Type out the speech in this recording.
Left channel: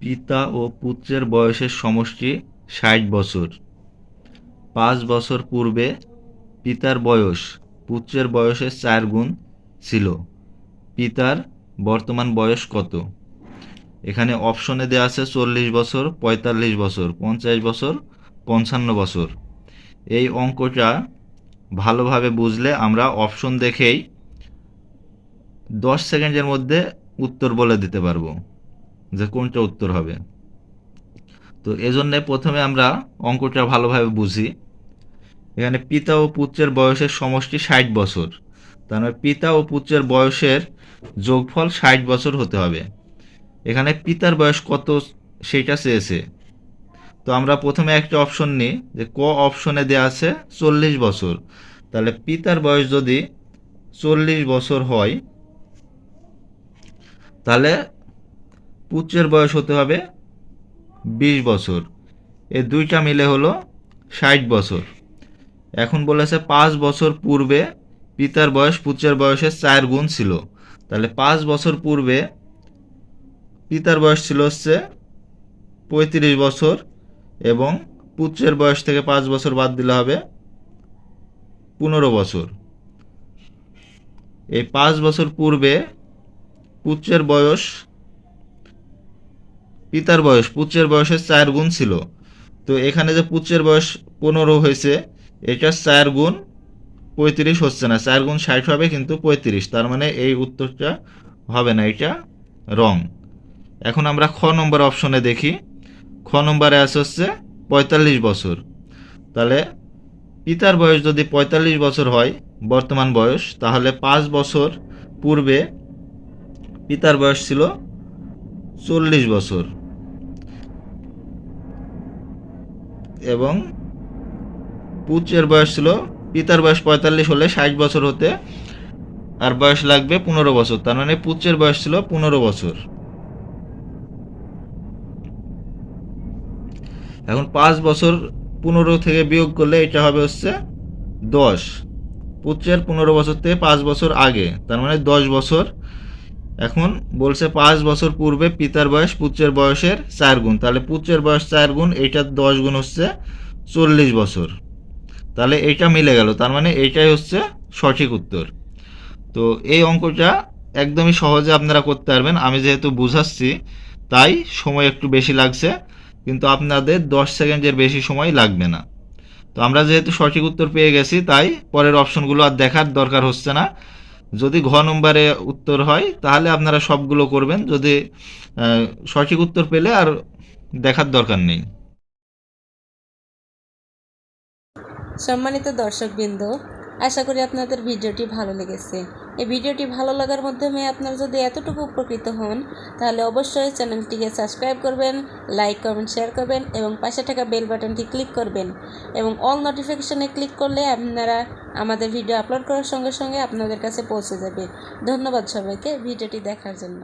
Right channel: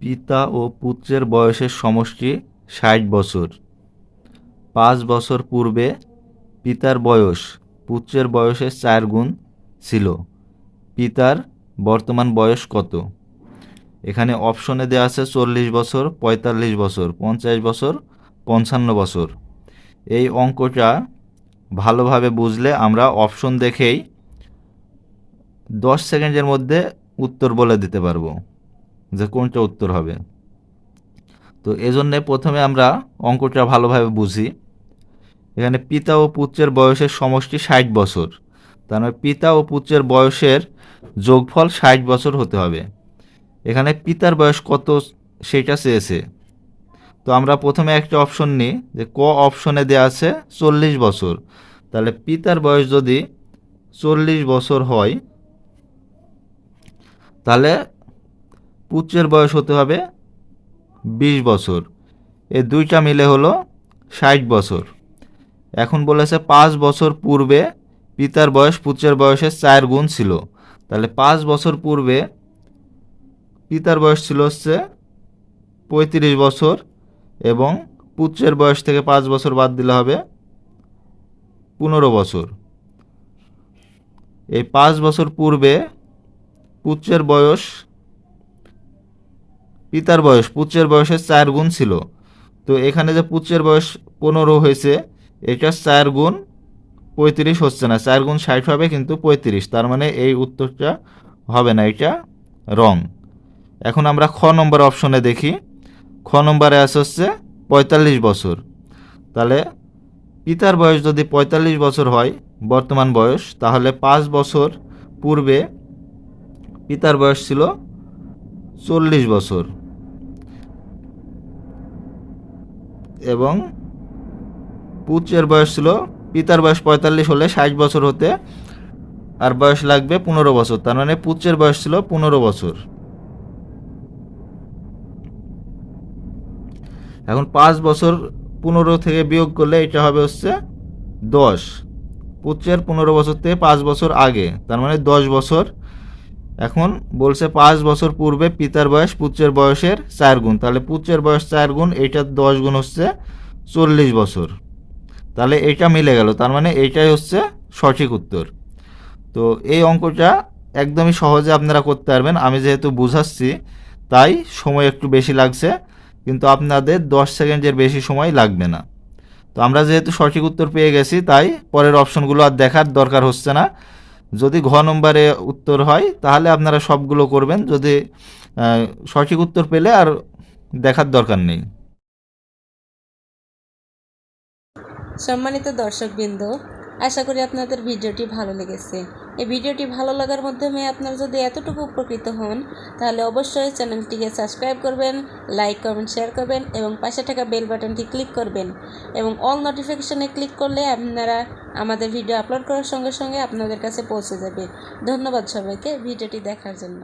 পিতা ও পুত্রের বয়সের সমষ্টি ৬০ বছর। ৫ বছর পূর্বে পিতার বয়স পুত্রের বয়সের ৪ গুণ ছিল। পিতার বর্তমান বয়স কত? এখানে অপশনে দেওয়া আছে ৪০ বছর, ৪৫ বছর, ৫০ বছর, ৫৫ বছর। এই অঙ্কটা ভালোভাবে বুঝলে আমরা অপশন দেখেই ১০ সেকেন্ডের মধ্যে উত্তর বলে দিতে পারবো যে কোনটা উত্তর হবে। তো এজন্যে প্রথমে আমরা অঙ্কটা ভালোভাবে বুঝি। এখানে পিতা ও পুত্রের বয়সের সমষ্টি ৬০ বছর, তার মানে পিতা ও পুত্রের বয়সের যোগফল ৬০ বছর হতে হবে। এখানে পিতার বয়স কত সেটা চেয়েছে। তো আমরা প্রথমে একটা অপশন নিই, যে ক অপশনে দেওয়া আছে ৪০ বছর। তাহলে পিতার বয়স যদি ৪০ বছর হয়, তাহলে পুত্রের বয়স হতে হবে ২০ বছর। এই দুইটা মিলে হলো ৬০ বছর। এখন বলেছে ৫ বছর পূর্বে পিতার বয়স পুত্রের বয়সের ৪ গুণ ছিল। তাহলে ৫ বছর পূর্বে পিতার বয়স ছিল হচ্ছে ৩৫ বছর, এবং পুত্রের বয়স থেকে ৫ বছর বাদ দিলে হবে ১৫ বছর। এই ৫ বছর পূর্বে পুত্রের বয়স পিতার বয়স পুত্রের বয়সের ৪ গুণ ছিল। তো এখানে যে পুত্রের বয়স ১৫ হয়েছে, এটা ৪ গুণ ৩৫ হচ্ছে না, ৪ গুণ ৬০ হবে কিন্তু ৩৫, তার মানে এই উত্তরটা হবে না, এটা রং। এখন আমরা খ নম্বর অপশনে দেখি। খ নম্বরে আছে হচ্ছে ৪৫ বছর। তাহলে পিতার বয়স যদি ৪৫ বছর হয় বর্তমান বয়স, তাহলে ৫ বছর পূর্বে পিতার বয়স ছিল ৪০ বছর, এবং পুত্রের বয়স ছিল, পিতার বয়স ৪৫ হলে ৬০ বছর হতে আর বয়স লাগবে ১৫ বছর, তার মানে পুত্রের বয়স ছিল ১৫ বছর। এখন ৫ বছর ১৫ থেকে বিয়োগ করলে এটা হবে হচ্ছে ১০। পুত্রের ১৫ বছর থেকে ৫ বছর আগে, তার মানে ১০ বছর। এখন বলছে ৫ বছর পূর্বে পিতার বয়স পুত্রের বয়সের ৪ গুণ, তাহলে পুত্রের বয়স ৪ গুণ, এইটার ১০ গুণ হচ্ছে ৪০ বছর। তাহলে এইটা মিলে গেল, তার মানে এইটাই হচ্ছে সঠিক উত্তর। তো এই অঙ্কটা একদমই সহজে আপনারা করতে পারবেন। আমি যেহেতু বুঝাচ্ছি তাই সময় একটু বেশি লাগছে, কিন্তু আপনাদের ১০ সেকেন্ডের বেশি সময় লাগবে না। তো আমরা যেহেতু সঠিক উত্তর পেয়ে গেছি, তাই পরের অপশনগুলো আর দেখার দরকার হচ্ছে না। যদি ঘ নম্বরে উত্তর হয় তাহলে আপনারা সবগুলো করবেন, যদি সঠিক উত্তর পেলে আর দেখার দরকার নেই। সম্মানিত দর্শকবৃন্দ, আশা করি আপনাদের ভিডিওটি ভালো লেগেছে। এই ভিডিওটি ভালো লাগার মাধ্যমে আপনারা যদি এতটুকু উপকৃত হন, তাহলে অবশ্যই চ্যানেলটিকে সাবস্ক্রাইব করবেন, লাইক কমেন্ট শেয়ার করবেন এবং পাশে থাকা বেল বাটনটি ক্লিক করবেন, এবং অল নোটিফিকেশনে ক্লিক করলে আপনারা আমাদের ভিডিও আপলোড করার সঙ্গে সঙ্গে আপনাদের কাছে পৌঁছে যাবে। ধন্যবাদ সবাইকে ভিডিওটি দেখার জন্য।